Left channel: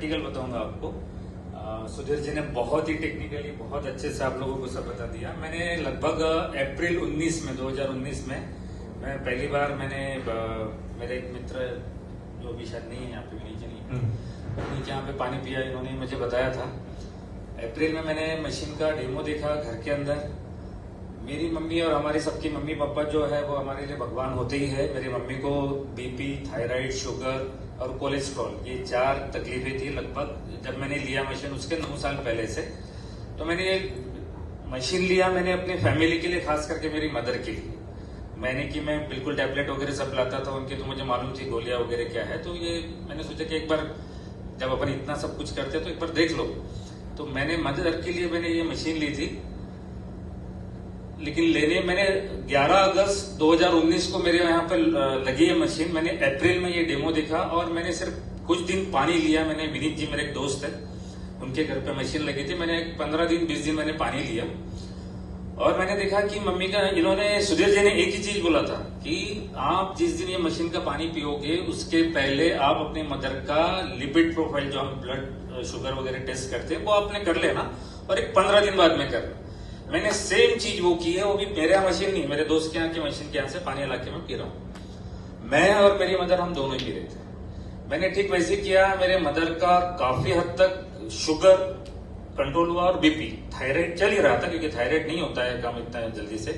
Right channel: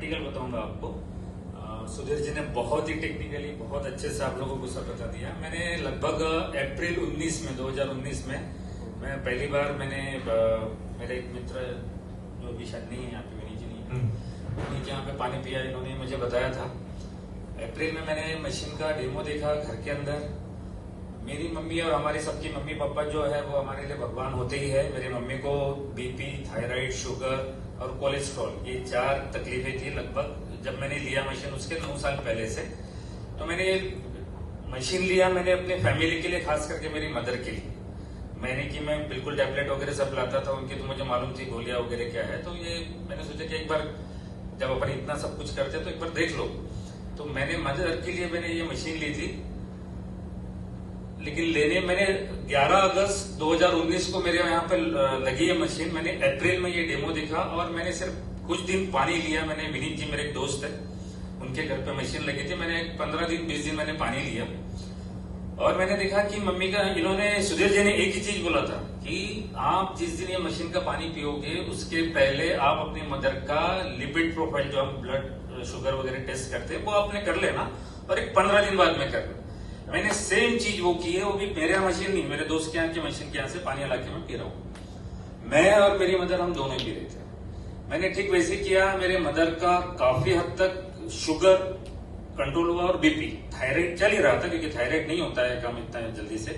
Practical बताऊंगा आपको। सुधीर जी ने बहुत ही टेक्निकली बहुत अच्छे से आप लोगों को सब बता दिया। मैंने लगभग अप्रैल 2019 में मैं पहली बार मेरे एक मित्र जो भी शायद नहीं है यहाँ पे, विनीत जी नहीं, यहाँ पे पानी पिया, इन्होंने मुझे बताया था। अप्रैल में मैंने मशीन का डेमो देखा घर के अंदर। मेरी मम्मी और हमारी सबकी मम्मी पापा जो है वो हमारे लिए भगवान होते ही है। मेरी मम्मी को बीपी, थायराइड, शुगर और कोलेस्ट्रॉल, ये 4 तकलीफें थी लगभग जब मैंने लिया मशीन, उसके 9 साल पहले से। तो मैंने मशीन लिया मैंने अपने फैमिली के लिए, खास करके मेरी मदर के लिए। मैंने कि मैं बिल्कुल टैबलेट वगैरह सब लाता था उनकी, तो मुझे मालूम थी गोलियां वगैरह क्या है। तो ये मैंने सोचा कि एक बार जब अपन इतना सब कुछ करते हैं तो एक बार देख लो। तो मैंने मदर के लिए मैंने ये मशीन ली थी। लेकिन मैंने 11 अगस्त 2019 को मेरे यहाँ पे लगी है मशीन। मैंने अप्रैल में ये डेमो देखा और मैंने सिर्फ कुछ दिन पानी लिया। मैंने विनीत जी मेरे एक दोस्त है, उनके घर पे मशीन लगी थी। मैंने 15 दिन 20 दिन मैंने पानी लिया और मैंने देखा कि मम्मी का, इन्होंने सुधीर जी ने एक ही चीज बोला था कि आप जिस दिन ये मशीन का पानी पियोगे उसके पहले आप अपने मदर का लिपिड प्रोफाइल, जो हम ब्लड शुगर वगैरह टेस्ट करते हैं, वो आपने कर लेना और एक 15 दिन बाद में कर। मैंने सेम चीज वो की है, वो भी मेरे यहाँ मशीन नहीं, मेरे दोस्त के यहाँ की मशीन के यहाँ से पानी ला के मैं पी रहा हूँ। मैं और मेरी मदर हम दोनों पी रहे थे। मैंने ठीक वैसे किया। मेरे मदर का काफी हद तक शुगर कंट्रोल हुआ और बीपी, थायराइड चल ही रहा था क्योंकि थायराइड नहीं होता है कम इतना जल्दी से,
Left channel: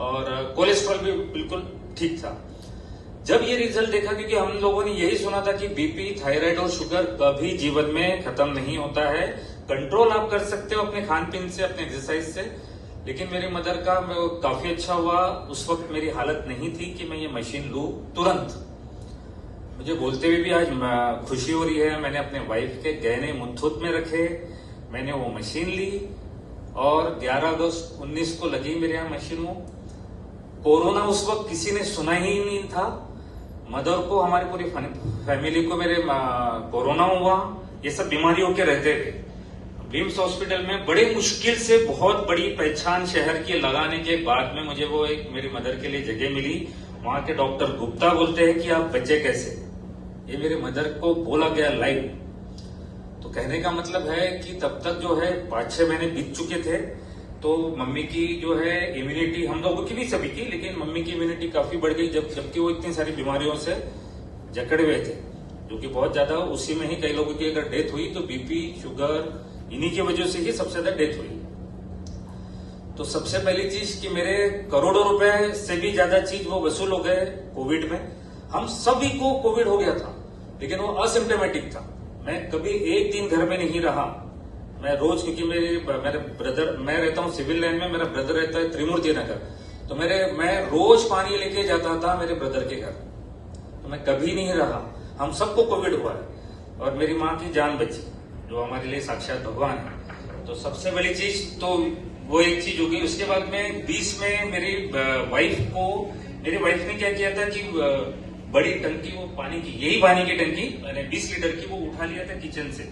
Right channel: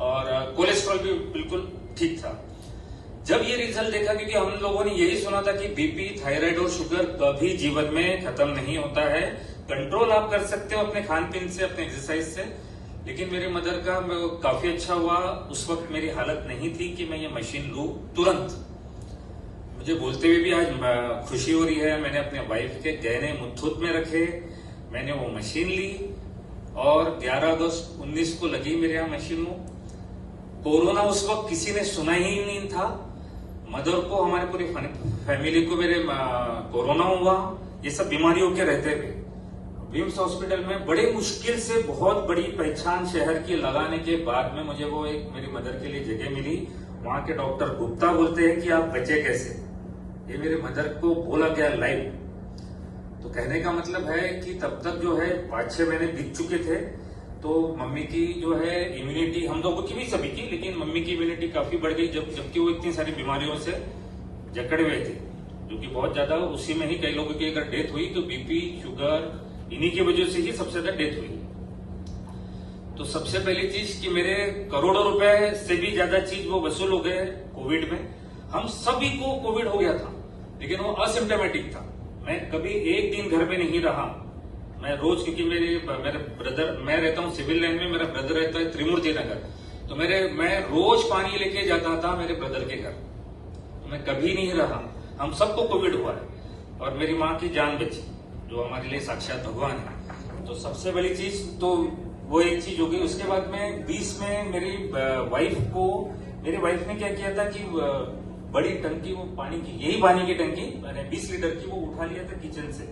और कोलेस्ट्रॉल भी बिल्कुल ठीक था। जब ये रिजल्ट देखा, क्योंकि हम लोगों ने यही सुना था कि बीपी, थायराइड और शुगर कभी जीवन में खत्म नहीं होता है, कंट्रोल आप कर सकते हो अपने खान पीन से, अपने एक्सरसाइज से। लेकिन मेरी मदर का काफी अच्छा हुआ। उस वक्त मेरी हालत नहीं थी कि मैं ये मशीन लूं तुरंत। मुझे बोलते हुए भी आज खुशी हो रही है। मैंने अपने वाइफ के गहने मुथूट में रखे, मैंने वो मशीन ली और 11 अगस्त 19 को लगी मेरे यहाँ मशीन। वो कोरोना उस वक्त किसी ने सुना ही नहीं था। मदर को, हमारी पूरी फैमिली को मेरे कोरोना हुआ। ये सब बीमारियों के रहते थे। रिम्स हॉस्पिटल में बड़ी मुश्किल से बहुत बड़ी पहचान शहर की लगाने के बाद में मुझे वो एक मेरी मदर के लिए जगह मिली। वहां के डॉक्टर गुप्ता बोलते हैं कि आप बचे कैसे, ये मेरी मदर को बोला गया लाइव। तो कहने का मतलब है कि तब तक जो है 5-6 महीने बीत चुके थे। तो मम्मी की जो है इम्यूनिटी, हम लोगों की भी सभी की, लेकिन मम्मी की इम्यूनिटी काफी बढ़ गई जबकि वो इतनी सारी बीमारियों से जकड़े हुए थे, जो कि बहुत ज्यादा। उसी में ही कई लोगों की अगर डेथ हुई तो बीपी, शुगर, इन्हीं की वजह से ही सबसे ज्यादा डेथ हुई। तो सबसे पहली चीज कि मेरे करोड़ों रुपए से भी ज्यादा चीज वो वसूल हो गए कोविड में। हम सभी को कोविड हो गया था, लेकिन वो असिम्टोमेटिक था। मैं कभी एक दिन घर में नहीं रहा। मैं रोज, क्योंकि मेरे ब्रदर, मैं रहता हूँ सिविल लाइन में, मेरा ब्रदर रहता है त्रिमूर्ति नगर, तो मैं रोज पानी लेके जाता था मेरे ब्रदर के घर। तो मैं कभी नहीं रहा। हम सबको कोविड हुआ है और मेरी माँ की जान बची, जो हमारे लिए साक्षात भगवान है। तो सबसे बड़ी चीज तो वो एक चीज होगी। उसके बाद में 20 में मेरी वाइफ ने क्या किया था कि बड़ी टंकी, वो पानी की, यही पानी की टंकी मैंने 20 लीटर की, वो उठा लिया था किचन से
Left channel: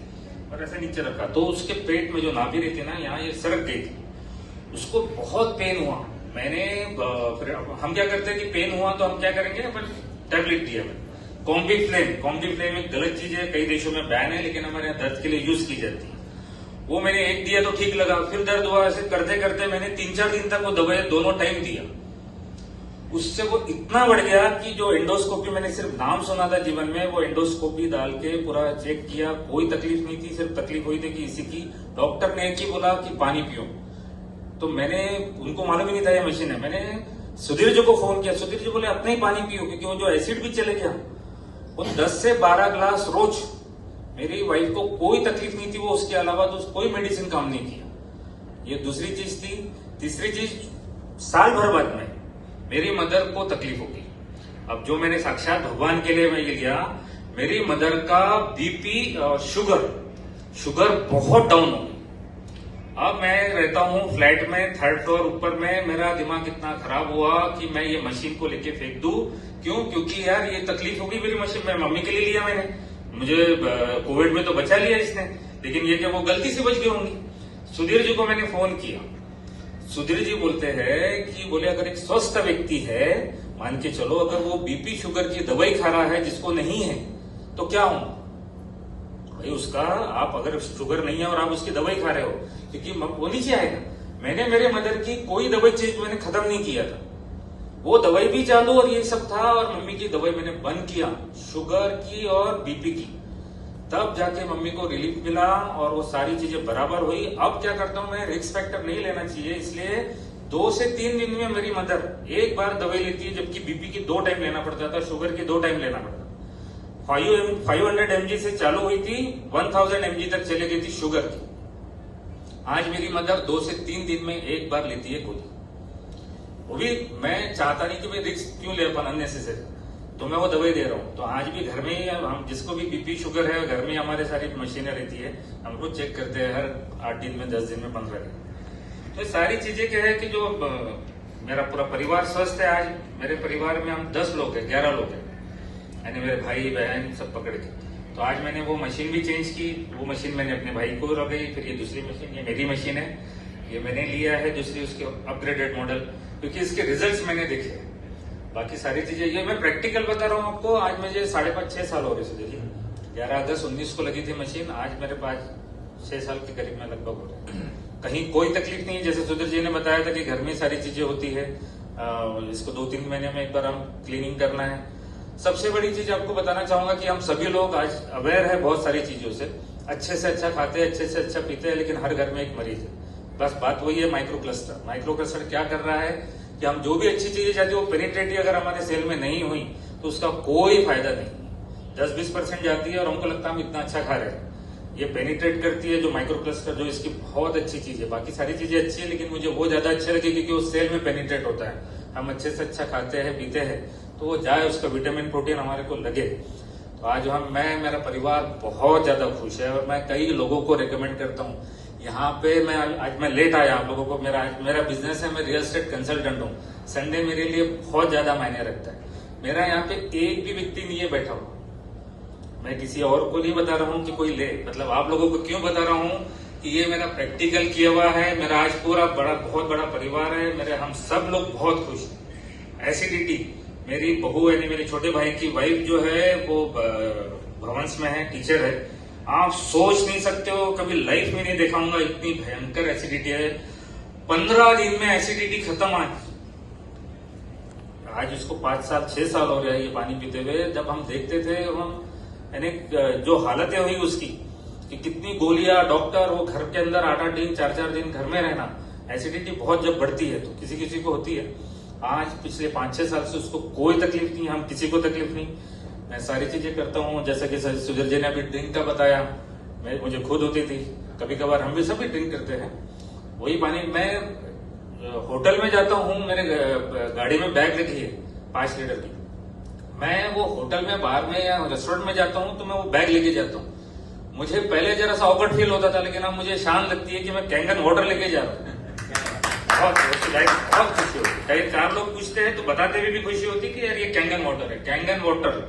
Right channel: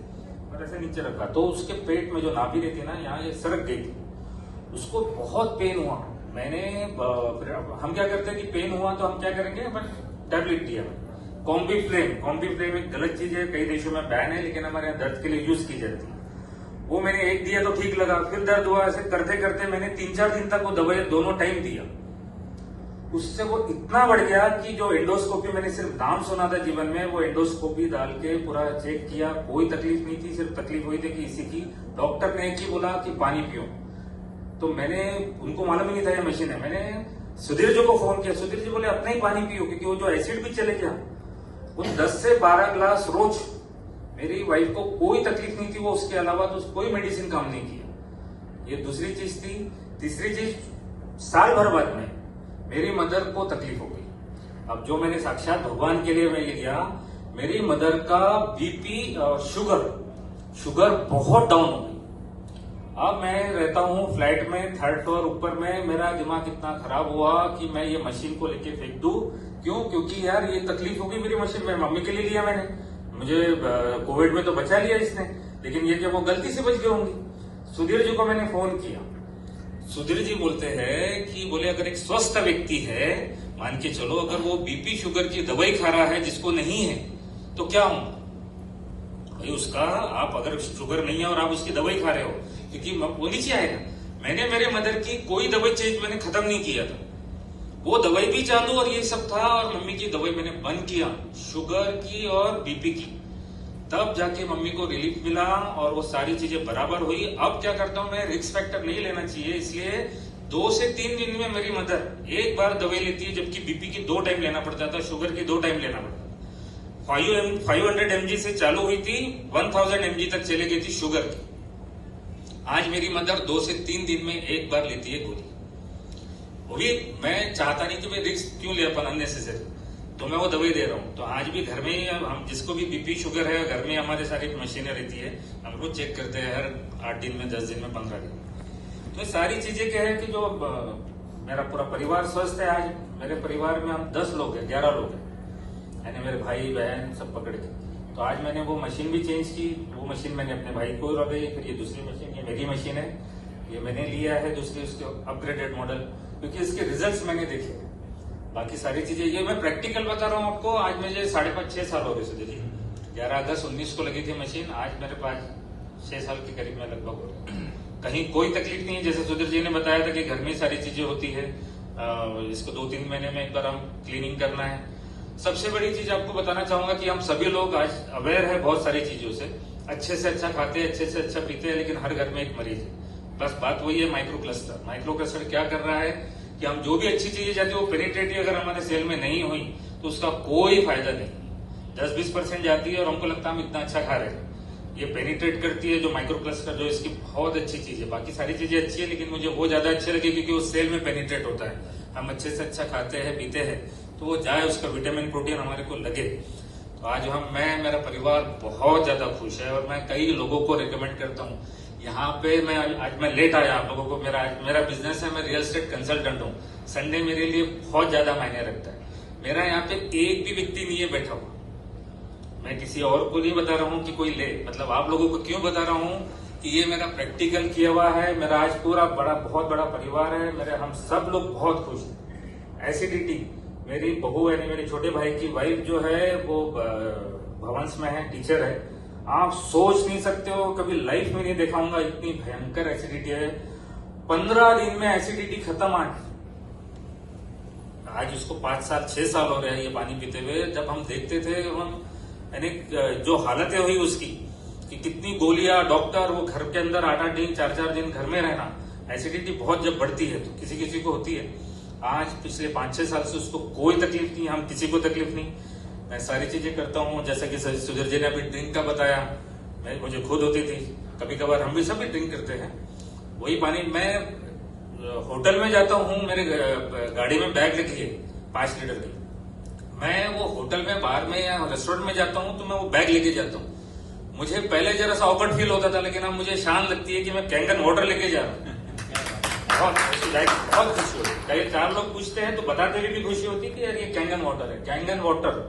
और ऐसा नीचे रखा। तो उसके पेट में जो नाभि रहती है ना, यहाँ ये सरक गई थी, उसको बहुत पेन हुआ। फिर हम क्या करते हैं कि पेन हुआ तो हम क्या करेंगे, टैबलेट दिया। कॉम्बीफ्लेम एक गलत चीज है, कई देशों में बैन है, लेकिन हमारे यहाँ दर्द के लिए यूज की जाती है। वो मैंने एक दिया तो ठीक लगा, फिर दर्द हुआ। ऐसे करते करते मैंने 3-4 दिन तक वो दवाई दोनों टाइम दिया। उससे वो इतना बढ़ गया कि जो एंडोस्कोपी, मैंने सिर्फ नाम सुना था जीवन में, वो एंडोस्कोपी डाल के पूरा चेक किया, कोई तकलीफ नहीं थी। सिर्फ तकलीफ हुई थी कि इसी की, डॉक्टर ने एक ही बोला कि पानी पियो। तो मैंने, उनको मालूम ही नहीं था ये मशीन है। मैंने सुधीर जी को फोन किया, सुधीर जी बोले अपना ही पानी पियो, क्योंकि वो जो एसिड भी चले गया। वो 10 से 12 ग्लास रोज। मेरी वाइफ को कोई तकलीफ नहीं थी, वो उसके अलावा तो कोई मेडिसिन काम नहीं किया। ये दूसरी चीज थी। तीसरी चीज, साल भर बाद में मेरी मदर को तकलीफ हो गई। अब जो मैंने साक्षात भगवान के लिए मैं ये किया, मेरी मदर का बीपी और शुगर बहुत डाउन हो गई। अब मैं रहता हूँ फ्लैट में, 3rd फ्लोर ऊपर में। मेरा दिमाग इतना खराब हुआ कि मैं ये मशीन को लेके फेंक दूं। क्यों? क्योंकि यार ये तकलीफ होगी मेरी मशीन, मैं मम्मी के लिए लिया मैंने, मुझे कोविड में तो बचा लिया इसने, लेकिन ये क्या वो गलती से बच गई होंगी। सुधीर जी को मैंने फोन किया। सुधीर जी बोलते हैं कि बोले अगर एक स्वस्थ व्यक्ति है, मान के चलो अगर वो बीपी शुगर की दवाई खा रहा है जिसको नहीं है, तो क्या होगा? भाई उसका आप अगर शुगर नहीं है और आप उसकी दवाई खा रहे हो, क्योंकि वो नीचे आएगा। मैंने मेरे मदर की कोई दवाई चीज मैंने खत्म नहीं किया था, वो दवाई भी चालू और यही सब था, और मम्मी की दवाई मैंने बंद किया, शुगर की और बीपी की, तब जाके मम्मी को रिलीफ मिला और वो सारी चीजें बराबर हुई। अब क्या करता हूँ मैं, रिस्क फैक्टर नहीं लेना चाहिए, इसलिए 2 से 3 दिन में मेरी मदर एक बार दवाई लेती है, जबकि बीपी की 2 टाइम लेना पड़ता था, शुगर की 2 टाइम लेना पड़ता था। 500 mg से चालू हुई थी, 1000 mg तक चली गई थी शुगर की। आज मेरी मदर 2 से 3 दिन में एक बार लेती है गोली। वो भी मैं चाहता नहीं कि मैं रिस्क क्यों ले अपन अननेसेसरी, तो मैं वो दवाई दे रहा हूँ। तो आज भी घर में हम जिसको भी बीपी शुगर है, घर में हमारे सारी मशीनें रहती है, हम रोज चेक करते हैं हर 8 दिन में, 10 दिन में, 15 दिन। तो सारी चीजें क्या है कि जो मेरा पूरा परिवार स्वस्थ है। आज मेरे परिवार में हम 10 लोग हैं, 11 लोग हैं, यानी मेरे भाई बहन सब पकड़ के। तो आज मैंने वो मशीन भी चेंज की, वो मशीन मैंने अपने भाई को लगाई, फिर ये दूसरी मशीन, ये मेरी मशीन है, ये मैंने लिया है दूसरी उसके अपग्रेडेड मॉडल, क्योंकि इसके रिजल्ट्स मैंने देखे। बाकी सारी चीजें ये मैं प्रैक्टिकल बता रहा हूँ आपको। आज मुझे 5.5-6 साल हो रहे सुधीर जी, 11 अगस्त 19 को लगी थी मशीन, आज मेरे पास 6 साल के करीब में लगभग हो रहा है। कहीं कोई तकलीफ नहीं है। जैसे सुधीर जी ने बताया था कि घर में सारी चीजें होती है, इसको 2-3 महीने में एक बार हम क्लीनिंग करना है। सबसे बड़ी चीज आपको बताना चाहूंगा कि हम सभी लोग आज अवेयर है बहुत सारी चीजों से, अच्छे से अच्छा खाते हैं, अच्छे से अच्छा पीते हैं, लेकिन हर घर में एक मरीज है। बस बात वही है, माइक्रो क्लस्टर। माइक्रो क्लस्टर क्या कर रहा है कि हम जो भी अच्छी चीजें जाती है वो पेनिट्रेट ही अगर हमारे सेल में नहीं हुई तो उसका कोई फायदा नहीं। 10-20% जाती है और हमको लगता है हम इतना अच्छा खा रहे हैं, ये पेनिट्रेट करती है जो माइक्रो क्लस्टर, जो इसकी बहुत अच्छी चीज है। बाकी सारी चीजें अच्छी है, लेकिन मुझे वो ज्यादा अच्छी लगी क्योंकि वो सेल में पेनिट्रेट होता है। हम अच्छे से अच्छा खाते हैं, पीते हैं, तो वो जाए उसका विटामिन प्रोटीन हमारे को लगे। तो आज मेरा परिवार बहुत ज्यादा खुश है, और मैं कई लोगों को रिकमेंड करता हूँ। यहाँ पे आज मैं लेट आया आप लोगों को, मेरा बिजनेस है, मैं रियल एस्टेट कंसल्टेंट हूँ। संडे मेरे लिए बहुत ज्यादा मायने रखता है। मेरा यहाँ पे एक भी व्यक्ति नहीं है बैठा हुआ, मैं किसी और को नहीं बता रहा हूँ कि कोई ले, मतलब आप लोगों को क्यों बता रहा हूँ कि ये मेरा प्रैक्टिकल किया हुआ है। मेरा आज पूरा बहुत बड़ा परिवार है, हम सब लोग बहुत खुश हैं। एसिडिटी, मेरी बहू यानी मेरे छोटे भाई की वाइफ जो है वो भवंस में है, टीचर है। आप सोच नहीं सकते हो, कभी लाइफ में नहीं देखा होगा इतनी भयंकर एसिडिटी है। 15 दिन में एसिडिटी खत्म। आज उसको 5-6 साल हो रहे हैं ये पानी पीते हुए। जब हम देखते थे हम, यानी जो हालतें हुई उसकी कि कितनी गोलियां, डॉक्टर, वो घर के अंदर 8-8 दिन 4-4 दिन घर में रहना। एसिडिटी बहुत जब बढ़ती है तो किसी किसी को होती है। आज पिछले 5-6 साल से उसको कोई तकलीफ नहीं, हम किसी को तकलीफ नहीं। मैं सारी चीजें करता हूँ, जैसे कि सुधीर जी ने अभी ड्रिंक का बताया, मुझे खुद होती थी, कभी कभार हम भी सभी ड्रिंक करते हैं। वही पानी, मैं होटल में जाता हूँ, मेरे गाड़ी में बैग रखी है 5 लीटर की, मैं वो होटल में, बाहर में या रेस्टोरेंट में जाता हूँ तो मैं वो बैग लेके जाता हूँ। मुझे पहले जरा सा ऑकवर्ड फील होता था, लेकिन अब मुझे शान लगती है कि मैं कैंगन वाटर लेके जा रहा हूँ। बहुत खुशी होती है। कई 4 लोग पूछते हैं तो बताते हुए भी खुशी होती है कि यार ये कैंगन वाटर है। कैंगन वाटर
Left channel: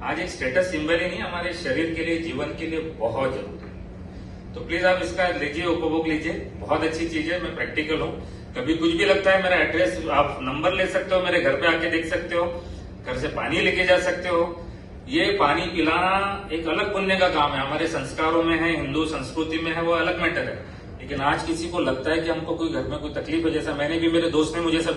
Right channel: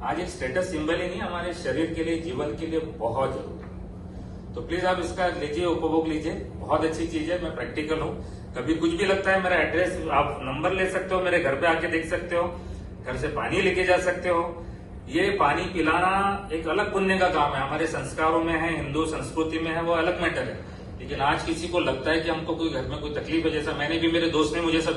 आज एक स्टेटस सिंबल ही नहीं, हमारे शरीर के लिए, जीवन के लिए बहुत जरूरी है। तो प्लीज आप इसका लीजिए, उपभोग लीजिए, बहुत अच्छी चीज है। मैं प्रैक्टिकल हूँ, कभी कुछ भी लगता है मेरा एड्रेस, आप नंबर ले सकते हो, मेरे घर पे आके देख सकते हो, घर से पानी लेके जा सकते हो। ये पानी पिलाना एक अलग पुण्य का काम है, हमारे संस्कारों में है, हिंदू संस्कृति में है, वो अलग मैटर है। लेकिन आज किसी को लगता है कि हमको कोई घर में कोई तकलीफ है, जैसा मैंने भी, मेरे दोस्त ने मुझे सब